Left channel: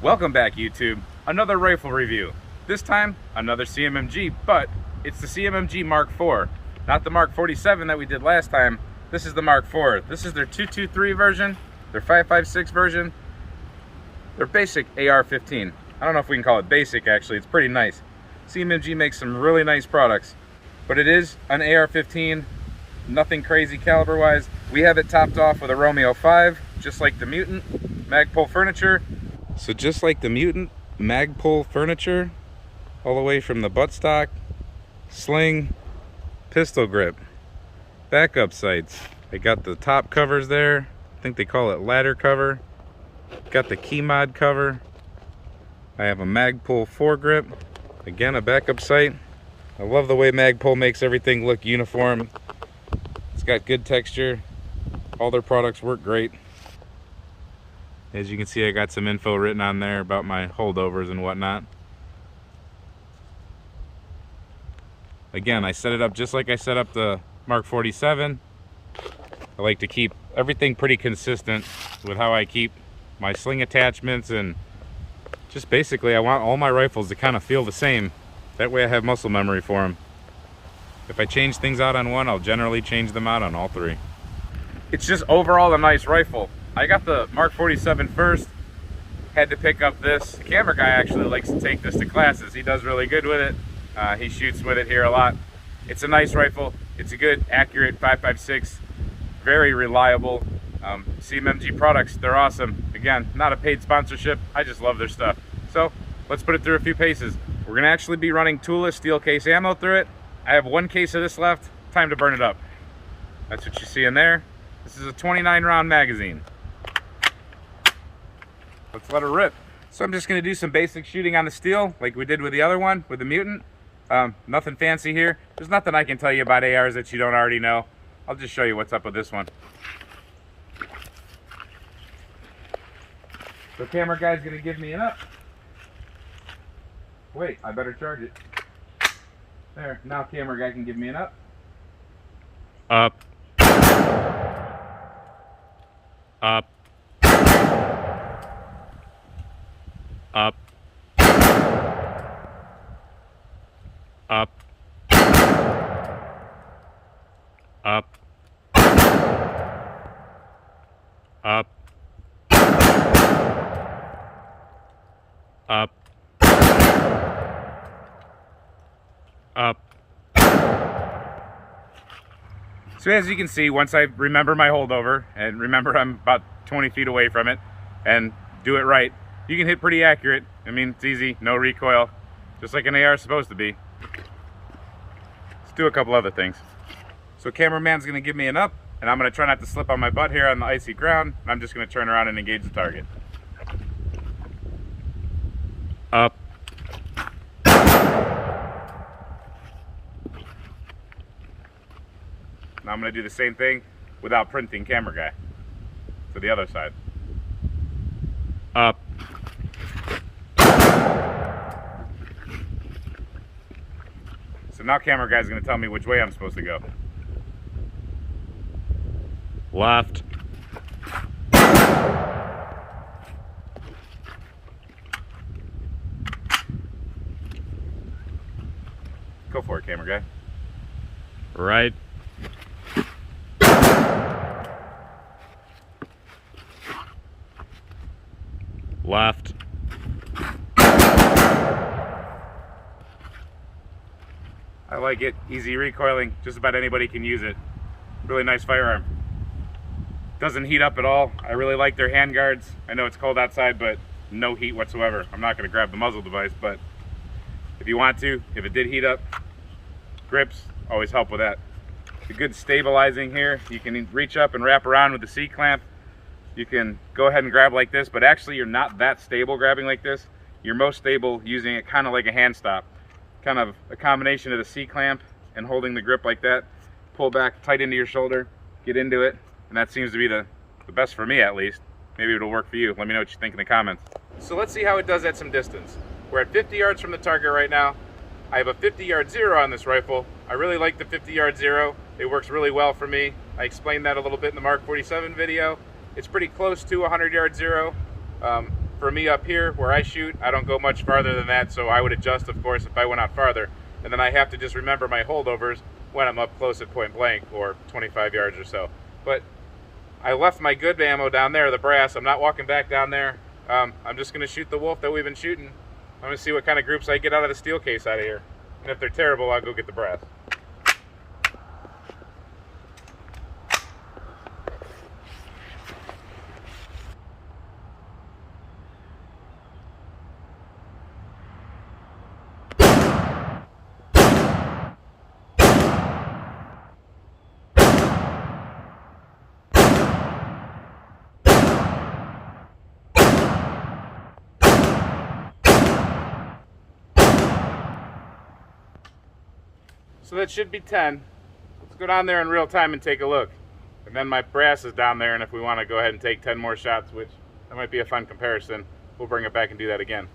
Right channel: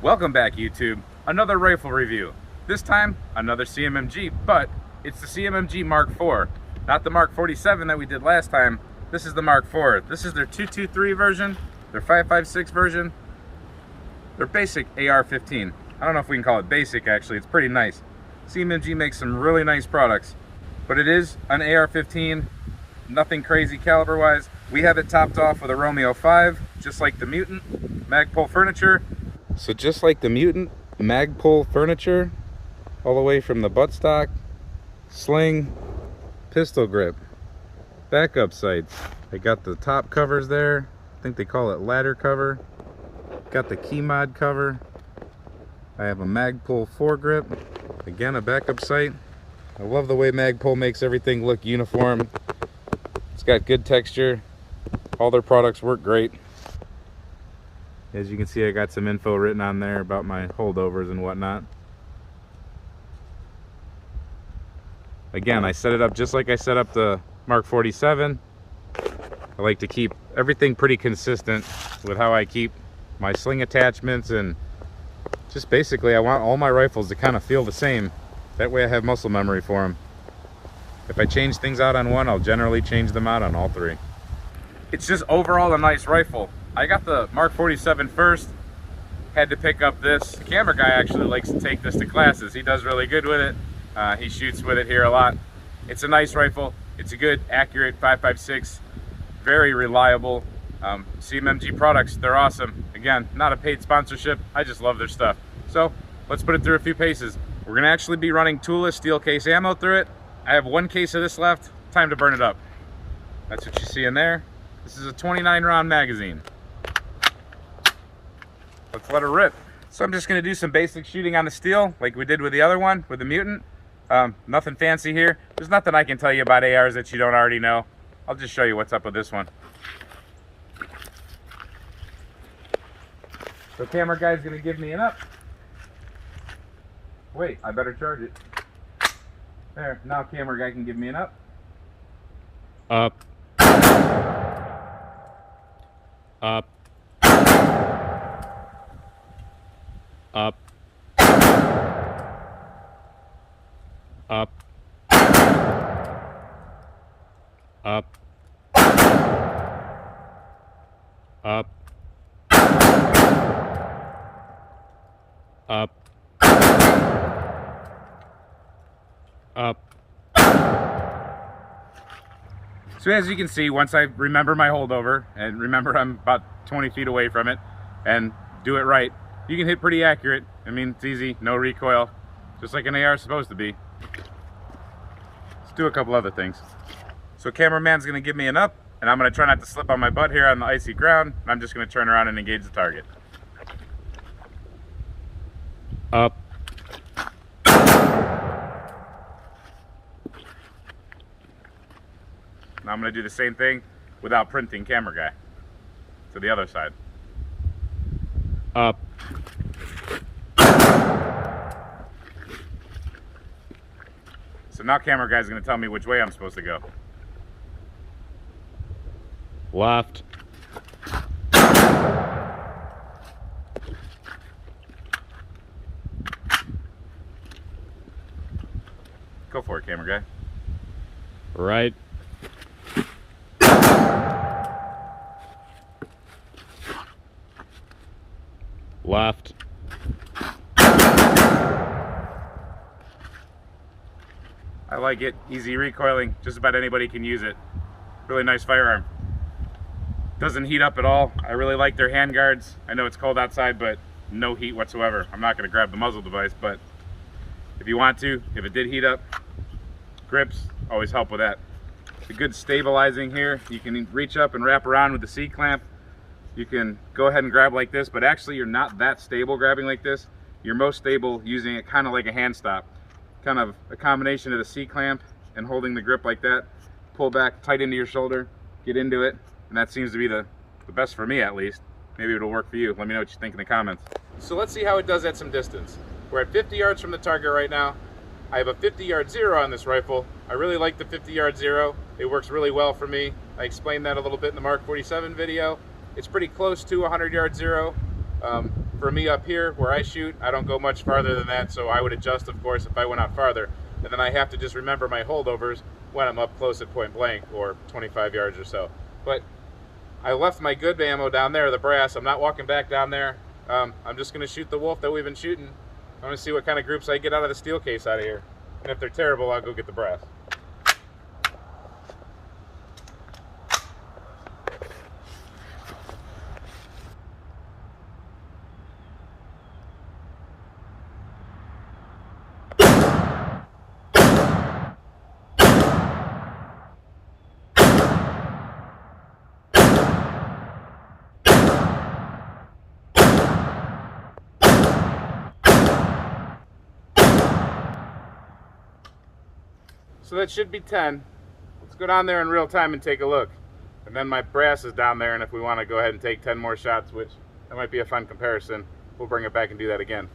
Welcome back, YouTube. Another rifle review. This time, another CMMG, but it's the CMMG Mark IV. Not the Mark 47 that we did last time. This is the Mark IV. This is their 223 version, their 556 version, their basic AR-15. I don't know if we can call it basic, actually. It's pretty nice. CMMG makes some really nice products, but it is an AR-15, nothing crazy caliber-wise. We have it topped off with a Romeo 5, just like the Mutant Magpul furniture. So just like the Mutant Magpul furniture, all the way from the buttstock, sling, pistol grip, backup sights. I got the top covers there. I think they call it ladder cover. Got the key mod cover. I have a Magpul foregrip. Again, a backup sight. I love the way Magpul makes everything look uniform. It's got good texture. All their products work great. As you can see, I got some info written on there about my holdovers and whatnot. Again, I set it up just like I set up the Mark 47. I like to keep everything pretty consistent with how I keep my sling attachments, and just basically I want all my rifles to kind of feel the same. That way I have muscle memory for them. If I change things out on one, I'll generally change them out on all three. It's just overall a nice rifle. I got the Mark 47 first, had to pick up this. The camera guy actually likes to take this to classes. He does really good with it. He shoots with it here a lot. It's a nice rifle. It's a good, accurate 5.56, very reliable. CMMG products, they're awesome. Again, not a paid sponsorship. I just love their stuff. So let's put it through a few paces. We're gonna actually be running toolless steel case ammo through it. I have one case of this left. Time to burn it up. That's what you see in there. This is a 29 round magazine. Let's let it rip. So I'm just gonna do some basic shooting on the steel like we did with the other one, with the Mutant. Nothing fancy here. There's nothing I can tell you about ARs that you don't already know. I'll just show you what's up with this one. So camera guy's gonna give me an up. Wait, I better charge it. There, now camera guy can give me an up. Up. Up. Up. Up. Up. Up. Up. Up. So as you can see, once I remember my holdover and remember I'm about 20 feet away from it and do it right, you can hit pretty accurate. I mean, it's easy, no recoil, just like an AR is supposed to be. Let's do a couple other things. So cameraman's gonna give me an up, and I'm gonna try not to slip on my butt here on the icy ground. I'm just gonna turn around and engage the target. Up. Now I'm gonna do the same thing without printing camera guy to the other side. Up. So now camera guy's gonna tell me which way I'm supposed to go. Left. Go for it, camera guy. Right. Left. I like it. Easy recoiling. Just about anybody can use it. Really nice firearm. Doesn't heat up at all. I really like their hand guards. I know it's cold outside, but no heat whatsoever. I'm not going to grab the muzzle device, but if you want to, if it did heat up, grips always help with that. It's a good stabilizing here. You can reach up and wrap around with the C-clamp. You can go ahead and grab like this, but actually you're not that stable grabbing like this. You're most stable using it kind of like a hand stop. Kind of a combination of the C-clamp and holding the grip like that. Pull back tight into your shoulder, get into it, and that seems to be the best for me at least. Maybe it'll work for you. Let me know what you think in the comments. So let's see how it does at some distance. We're at 50 yards from the target right now. I have a 50-yard zero on this rifle. I really like the 50-yard zero. It works really well for me. I explained that a little bit in the Mark 47 video. It's pretty close to a 100-yard zero. For me up here where I shoot, I don't go much farther than that, so I would adjust, of course, if I went out farther. And then I have to just remember my holdovers when I'm up close at point blank, or 25 yards or so. But I left my good ammo down there, the brass. I'm not walking back down there. I'm just going to shoot the wolf that we've been shooting. I'm going to see what kind of groups I get out of the steel case out of here. And if they're terrible, I'll go get the brass. So that should be 10. Let's go down there in real time and take a look. And then my brass is down there, and if we want to go ahead and take 10 more shots, which that might be a fun comparison, we'll bring it back and do that again.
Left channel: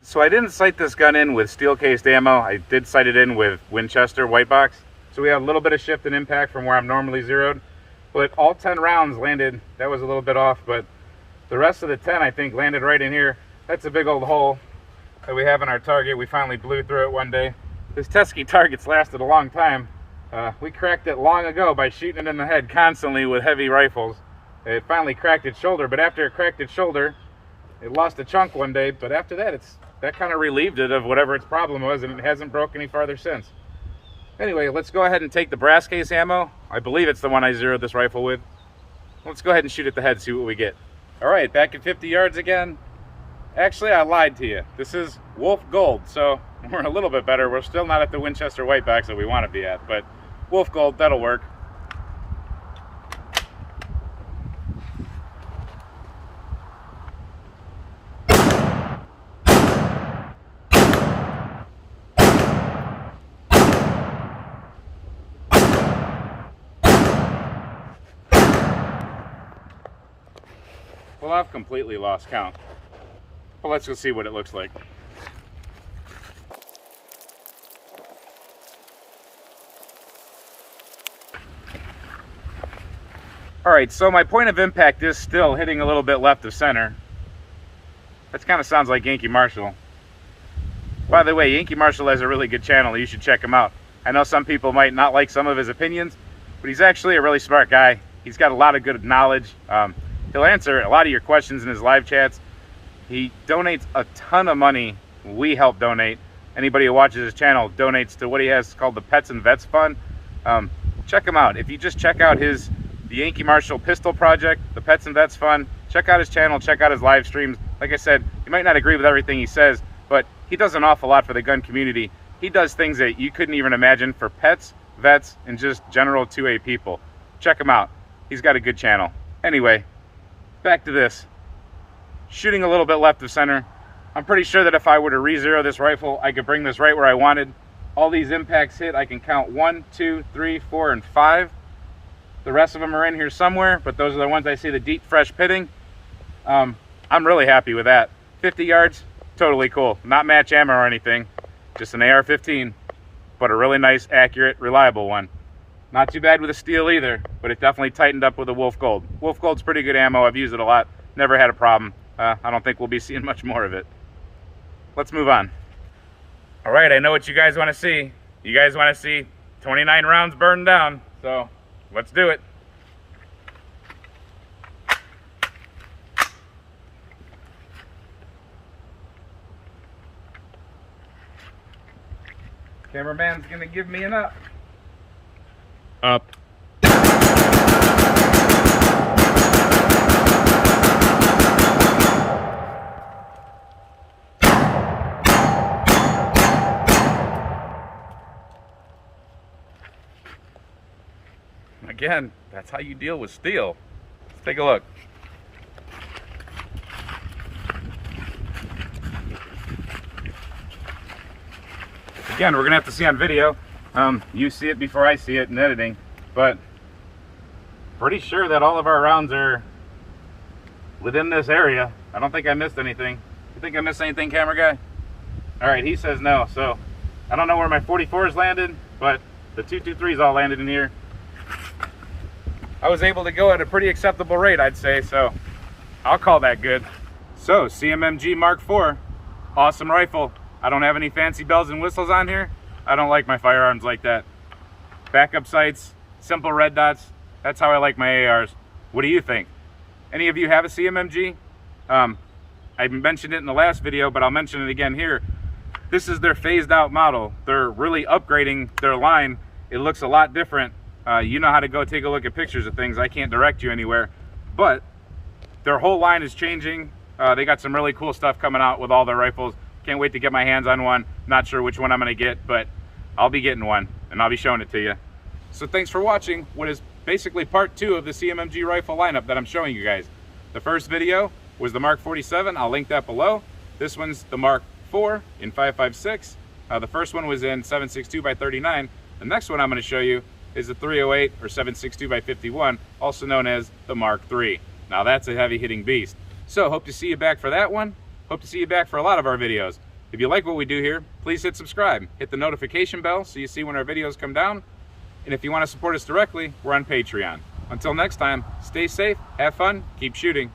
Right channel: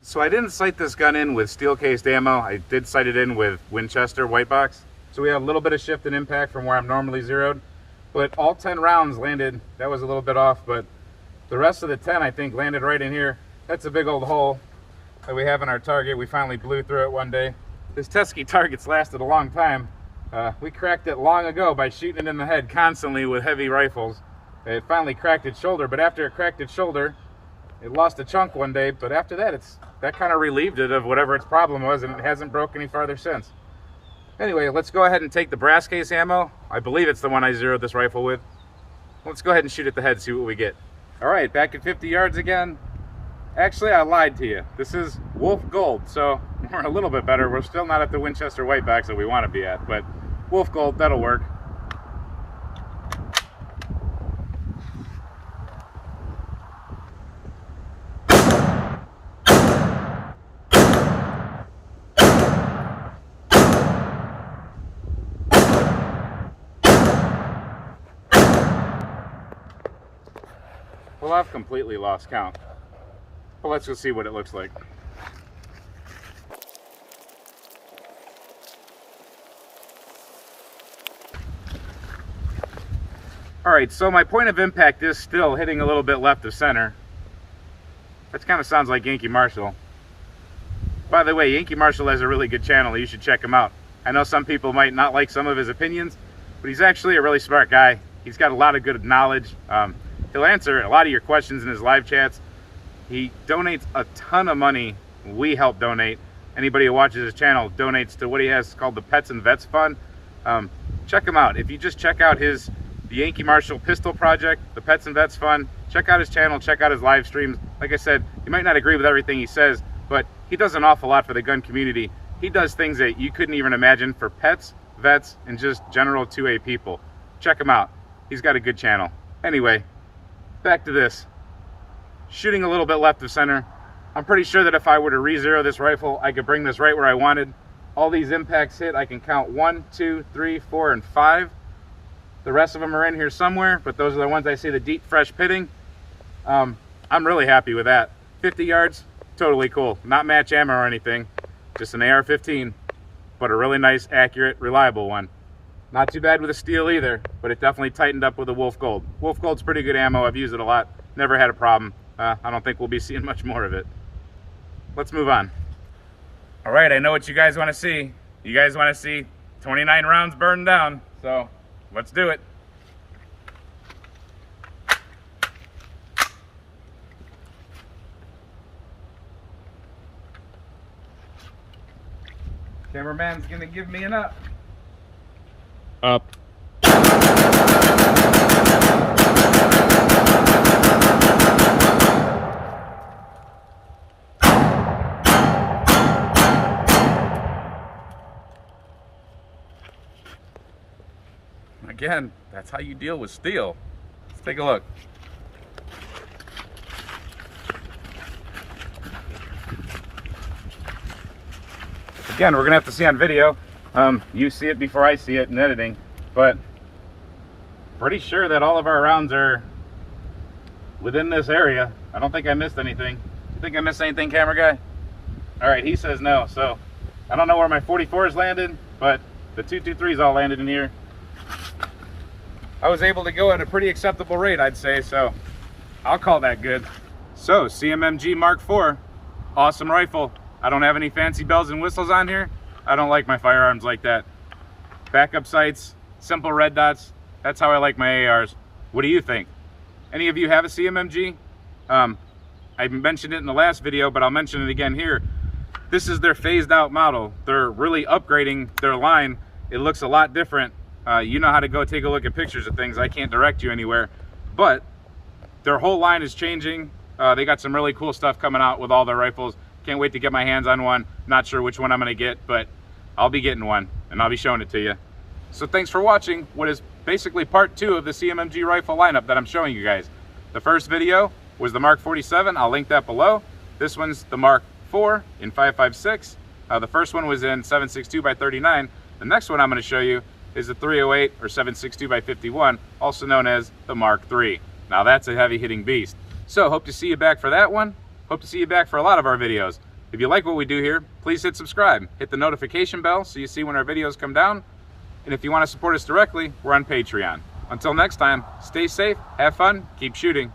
So I didn't sight this gun in with steel cased ammo. I did sight it in with Winchester white box. So we have a little bit of shift in impact from where I'm normally zeroed. But all 10 rounds landed, that was a little bit off, but the rest of the 10, I think, landed right in here. That's a big old hole that we have in our target. We finally blew through it one day. This Tuskegee target's lasted a long time. We cracked it long ago by shooting it in the head constantly with heavy rifles. It finally cracked its shoulder, but after it cracked its shoulder, it lost a chunk one day, but after that, that kind of relieved it of whatever its problem was, and it hasn't broke any farther since. Anyway, let's go ahead and take the brass case ammo. I believe it's the one I zeroed this rifle with. Let's go ahead and shoot at the head, see what we get. All right, back at 50 yards again. Actually, I lied to you. This is Wolf Gold, so we're a little bit better. We're still not at the Winchester white box that we want to be at, but Wolf Gold, that'll work. Well, I've completely lost count, but let's go see what it looks like. All right, so my point of impact is still hitting a little bit left of center. That kind of sounds like Yankee Marshall. By the way, Yankee Marshall has a really good channel. You should check him out. I know some people might not like some of his opinions, but he's actually a really smart guy. He's got a lot of good knowledge. He'll answer a lot of your questions in his live chats. He donates a ton of money. We help donate. Anybody who watches his channel donates to what he has called the Pets and Vets Fund. Check him out. If you just check out the Yankee Marshall Pistol Project, the Pets and Vets Fund, check out his channel, check out his live streams. Like I said, you might not agree with everything he says, but he does an awful lot for the gun community. He does things that you couldn't even imagine for pets, vets, and just general 2A people. Check him out. He's got a good channel. Anyway, back to this. Shooting a little bit left of center. I'm pretty sure that if I were to re-zero this rifle, I could bring this right where I wanted. All these impacts hit, I can count 1, 2, 3, 4, and 5. The rest of them are in here somewhere, but those are the ones I see the deep, fresh pitting. I'm really happy with that. 50 yards, totally cool. Not match ammo or anything, just an AR-15, but a really nice, accurate, reliable one. Not too bad with a steel either, but it definitely tightened up with a Wolf Gold. Wolf Gold's pretty good ammo. I've used it a lot. Never had a problem. I don't think we'll be seeing much more of it. Let's move on. All right, I know what you guys want to see. You guys want to see 29 rounds burned down, so let's do it. Cameraman's gonna give me an up. Up. Again, that's how you deal with steel. Let's take a look. Again, we're gonna have to see on video. You see it before I see it in editing, but pretty sure that all of our rounds are within this area. I don't think I missed anything. You think I missed anything, camera guy? All right, he says no. So I don't know where my 44s landed, but The 223's all landed in here. I was able to go at a pretty acceptable rate, I'd say, so I'll call that good. So, CMMG Mark IV, awesome rifle. I don't have any fancy bells and whistles on here. I don't like my firearms like that. Backup sights, simple red dots. That's how I like my ARs. What do you think? Any of you have a CMMG? I mentioned it in the last video, but I'll mention it again here. This is their phased out model. They're really upgrading their line. It looks a lot different. You know how to go take a look at pictures of things. I can't direct you anywhere, but their whole line is changing. They got some really cool stuff coming out with all their rifles. Can't wait to get my hands on one. Not sure which one I'm gonna get, but I'll be getting one and I'll be showing it to you. So thanks for watching what is basically part 2 of the CMMG rifle lineup that I'm showing you guys. The first video was the Mark 47. I'll link that below. This one's the Mark IV in 5.56. The first one was in 7.62 by 39. The next one I'm gonna show you is the 308 or 7.62 by 51, also known as the Mark III. Now that's a heavy hitting beast. So hope to see you back for that one. Hope to see you back for a lot of our videos. If you like what we do here, please hit subscribe. Hit the notification bell so you see when our videos come down. And if you want to support us directly, we're on Patreon. Until next time, stay safe, have fun, keep shooting.